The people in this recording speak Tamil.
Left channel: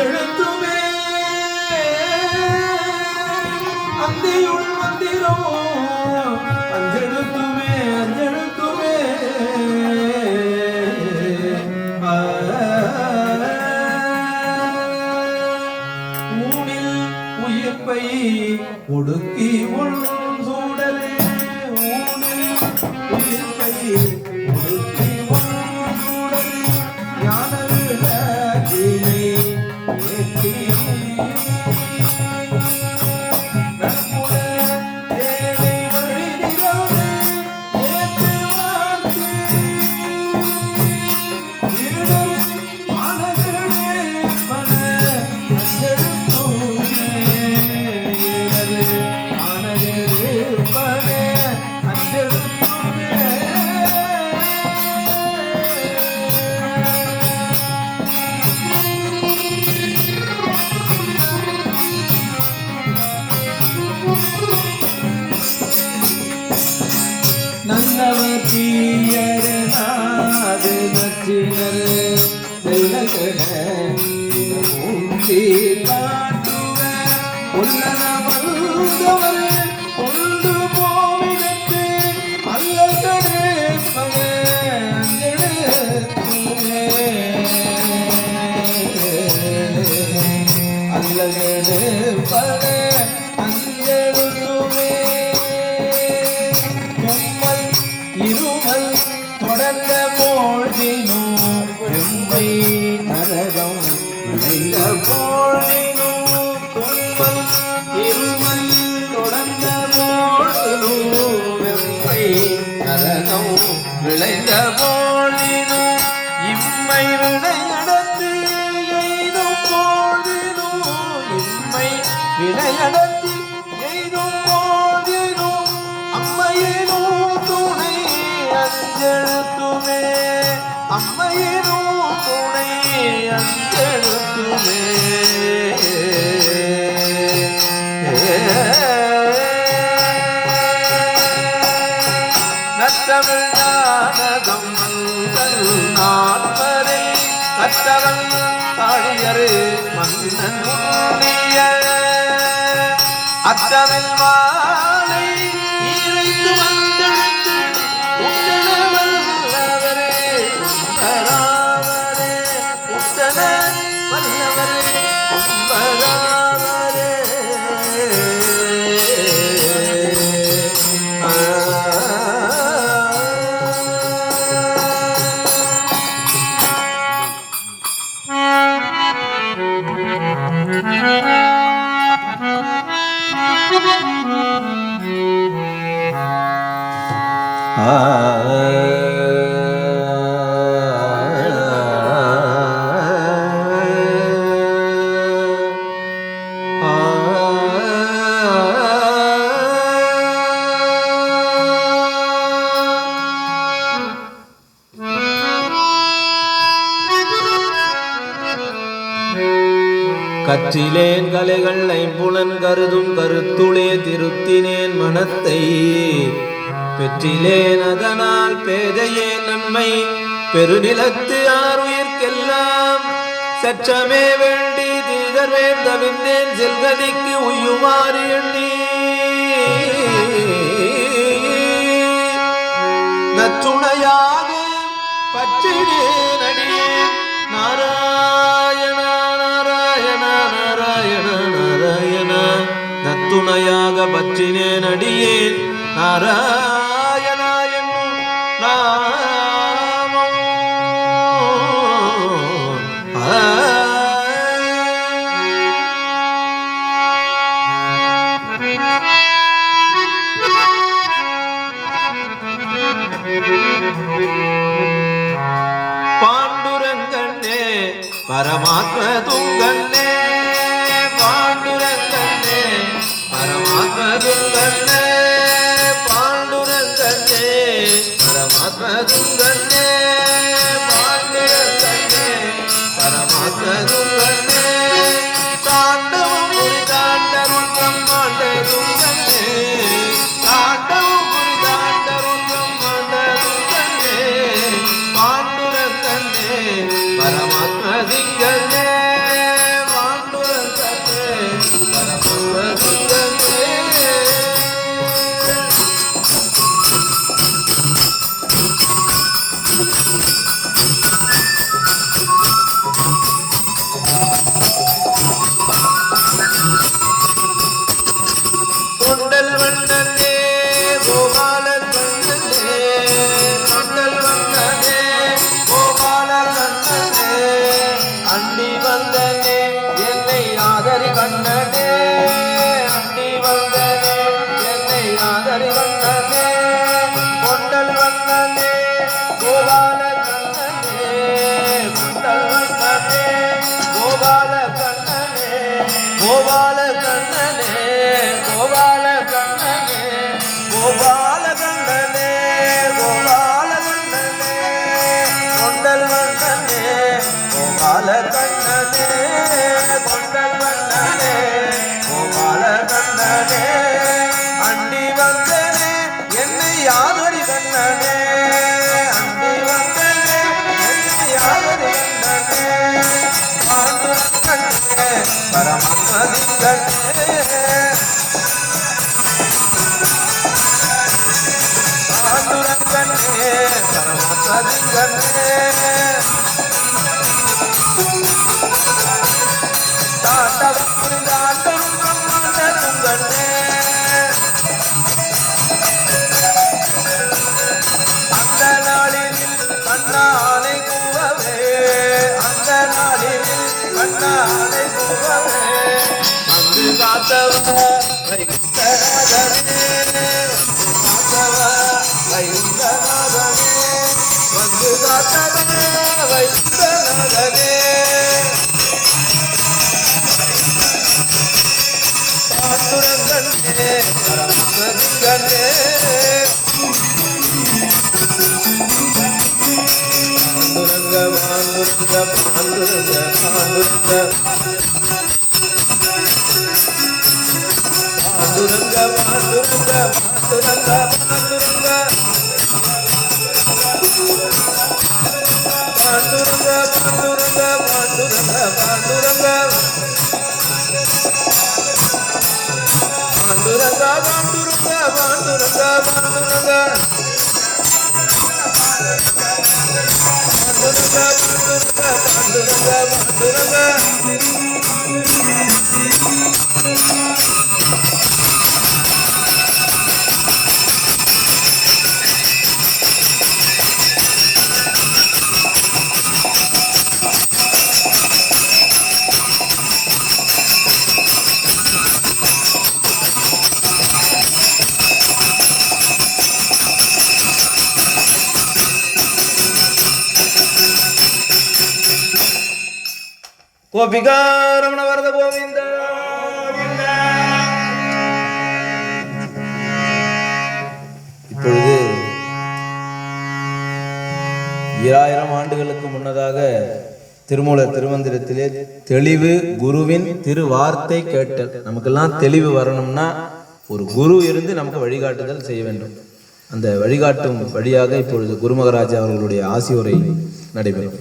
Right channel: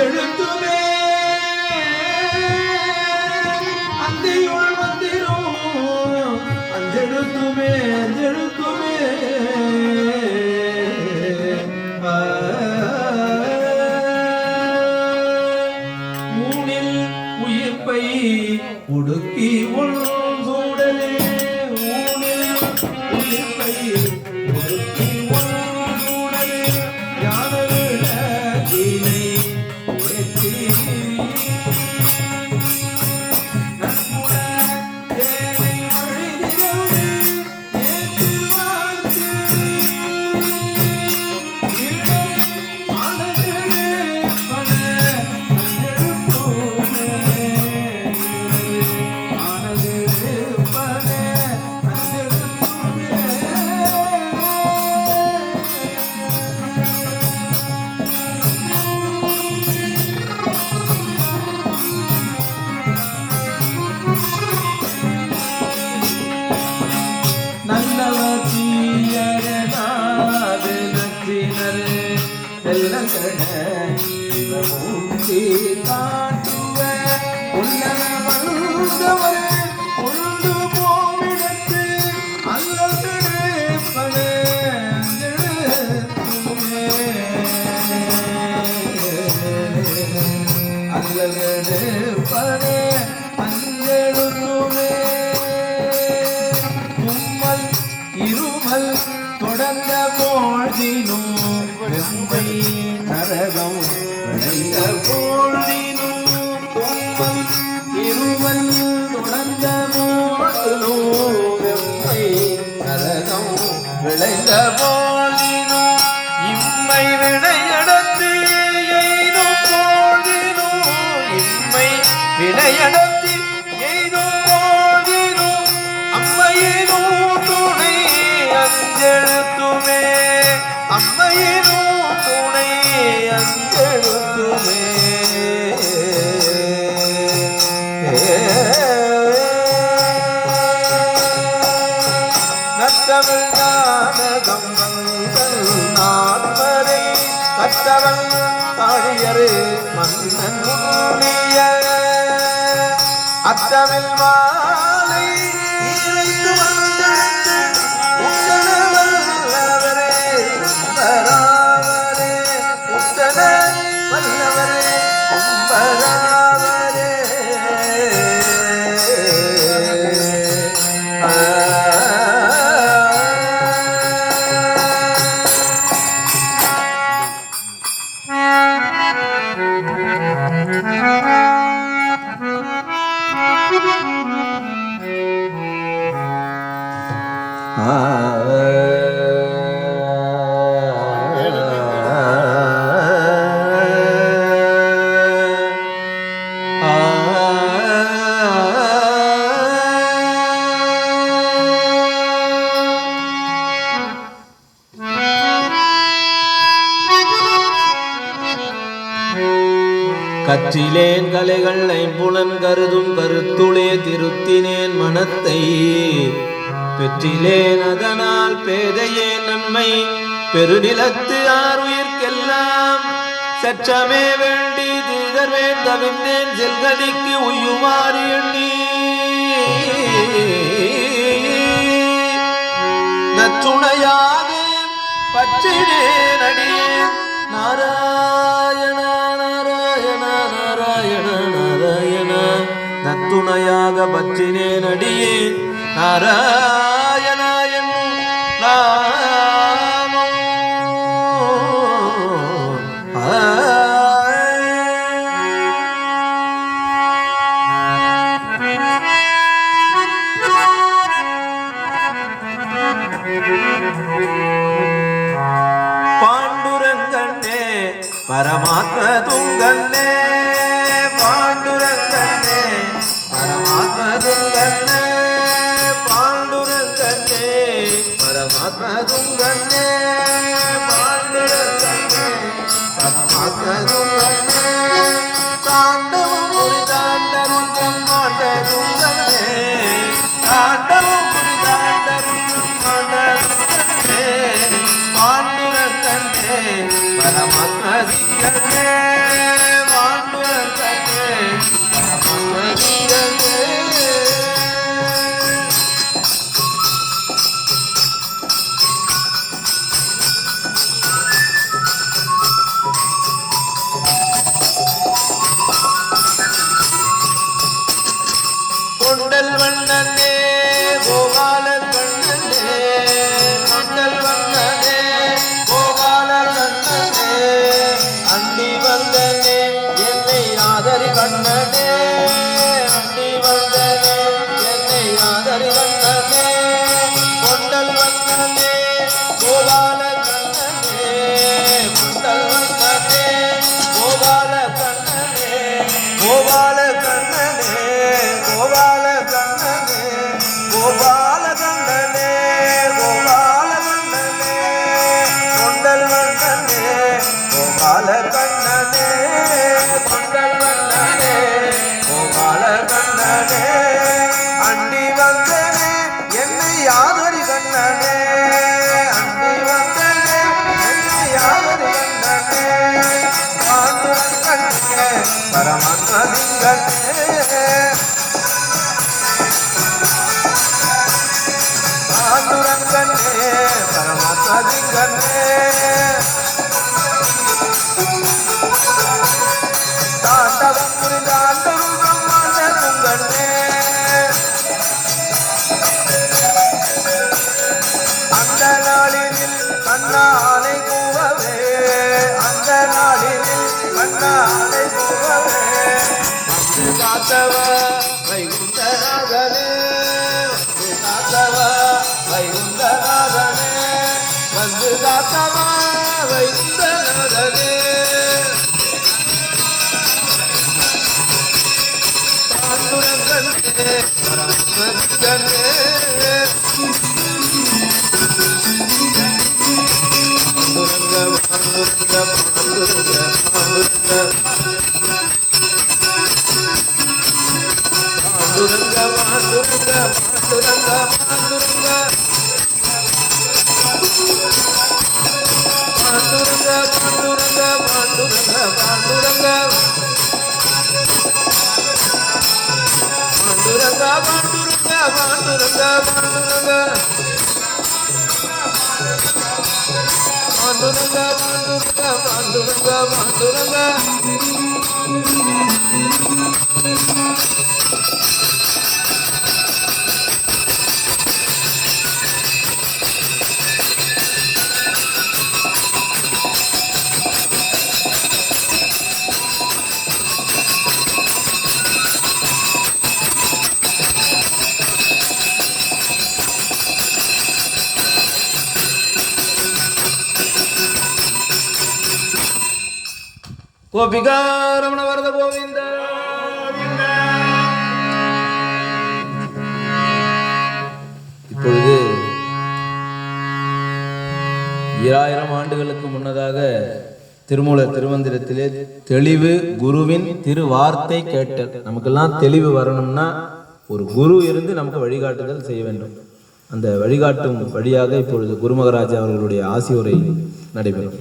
அஞ்செழுத்துமே அந்தியுள் மந்திரமோ அஞ்செழுத்துமே அஞ்செழுத்துமே ஊனில் உயிர்ப்பை ஒடுக்கி உள் சூடலே ஊனில் உயிர்ப்பை ஒடுக்கி உள் சூடலே ஞான விளக்கினை ஏற்றி தொடர்ந்த போழ்தினும் நரகம் விளைந்த போதினும் இம்மை விளையடத்து எய்தும் போதினும் இம்மை விளையடத்து எய்தும் போதினும் அம்மையினும் துணை அஞ்செழுத்துமே அம்மையினும் துணை அஞ்செழுத்துமே நற்றமிழ்நாதகம் வந்தல் நான்மறை கற்றவன் தாழியரு மன்னன் முன்னிய அற்றமில் மாலை ஈரைத்து வந்தெழுத்து உத்தன வல்லவரே உம்பராவரே உத்தன வல்லவரே உம்பராவரே கற்றிலேன் கலைகள் ஐம்புலன் கருதும் கருத்துளே திருத்தினேன் மனத்தை பெற்றிலேன் அதனால் பேதையே நன்மை பெருநிலத்து ஆறுயிர்க்கெல்லாம் சற்றமே வேண்டி திகழ்வேன் தவிர்ந்தேன் செல்கதிக்கு உயுமாறு எண்ணி நச்சுணையாக பற்றினேன் அடியேன் நாராயண நாராயண நாராயண நாராயண நத்துணையாக பற்றினேன் அடியேன் நாராயண என்னும் நாமம் பாண்டுரங்கண்ணே பரமாத்ம துங்கண்ணே பாண்டுரங்கண்ணே பரமாத்ம துங்கண்ணே பாண்டுரங்கண்ணே பரமாத்ம துங்கண்ணே பாண்டுரங்கண்ணே பரமாத்ம துங்கண்ணே தாண்டவம் ஒரு தாண்டவம் பிரம்மாண்ட துங்கண்ணே தாண்டவம் ஒரு தாண்டவம் பிரம்மாண்ட துங்கண்ணே பாண்டுரங்கண்ணே பரமாத்ம சிங்கண்ணே கொண்டல் வண்ணனே கோபாலன் கண்ணனே, கொண்டல் வண்ணனே கோபாலன் கண்ணனே, அண்டி வந்தனே என்னை ஆதரி கண்ணனே, அண்டி வந்தனே என்னை ஆதரி கண்ணனே, கொண்டல் வண்ணனே கோபால கண்ணனே, கொண்டல் வண்ணனே கோபால கண்ணனே, கோபால கண்ணனே, கோபால கண்ணனே, கோபால கண்ணனே, கோபால கண்ணனே, கொண்டல் வண்ணனே கோபால கண்ணனே, கொண்டல் வண்ணனே கோபால கண்ணனே, அண்டி வந்தனே என்னை ஆதரி கண்ணனே, அண்டி வந்தனே என்னை ஆதரி கண்ணனே, பாண்டுரன் கண்ணனே பரமன்மதின் கண்ணனே, பாண்டுரன் கண்ணனே பரமன்மதின் கண்ணனே, தாண்டவம் புரிந்த ஆண்டவன் பிரம்மாண்ட துங்கண்ணே, அந்த நாளினில் கண்ணானை கூவவே, அந்த நாளினில் கண்ணானை கூவவே, வந்து காத்தவ வைகுண்டநாதனே, வந்து காத்தவ வைகுண்டநாதனே, வந்து காத்தவ வைகுண்டநாதனே, பாண்டுரங்கனே பரமசிவனே, பாண்டுரங்க பாண்டுரங்க பாண்டுரங்க பாண்டுரங்க பாண்டுரங்க பாண்டுரங்க பாண்டுரங்க பாண்டுரங்க பாண்டுரங்க பாண்டுரங்க பாண்டுரங்க பாண்டுரங்க பாண்டுரங்க பாண்டுரங்க பாண்டுரங்க பாண்டுரங்க பாண்டுரங்க பாண்டுரங்க பாண்டுரங்க கோபிகா ரமண வரத கோவிந்த. இப்பொழுது 2000 ஆண்டுகளுக்கு முன்னதாக திருமூலர் திருமந்திரத்திலே தெளிவு குருவின் திருவார்த்தை கேட்டல். நமக்கெல்லாம் தெளிவு வரணும்னா ஒரு குரு இருந்து நமக்கு வழிகாட்டுதல் செய்ய வேண்டும். அந்த வழிகாட்டும் வழியாக இப்பொழுது குரு மகாராஜா அவர்களுடைய ஆசி உரை நடைபெறும்.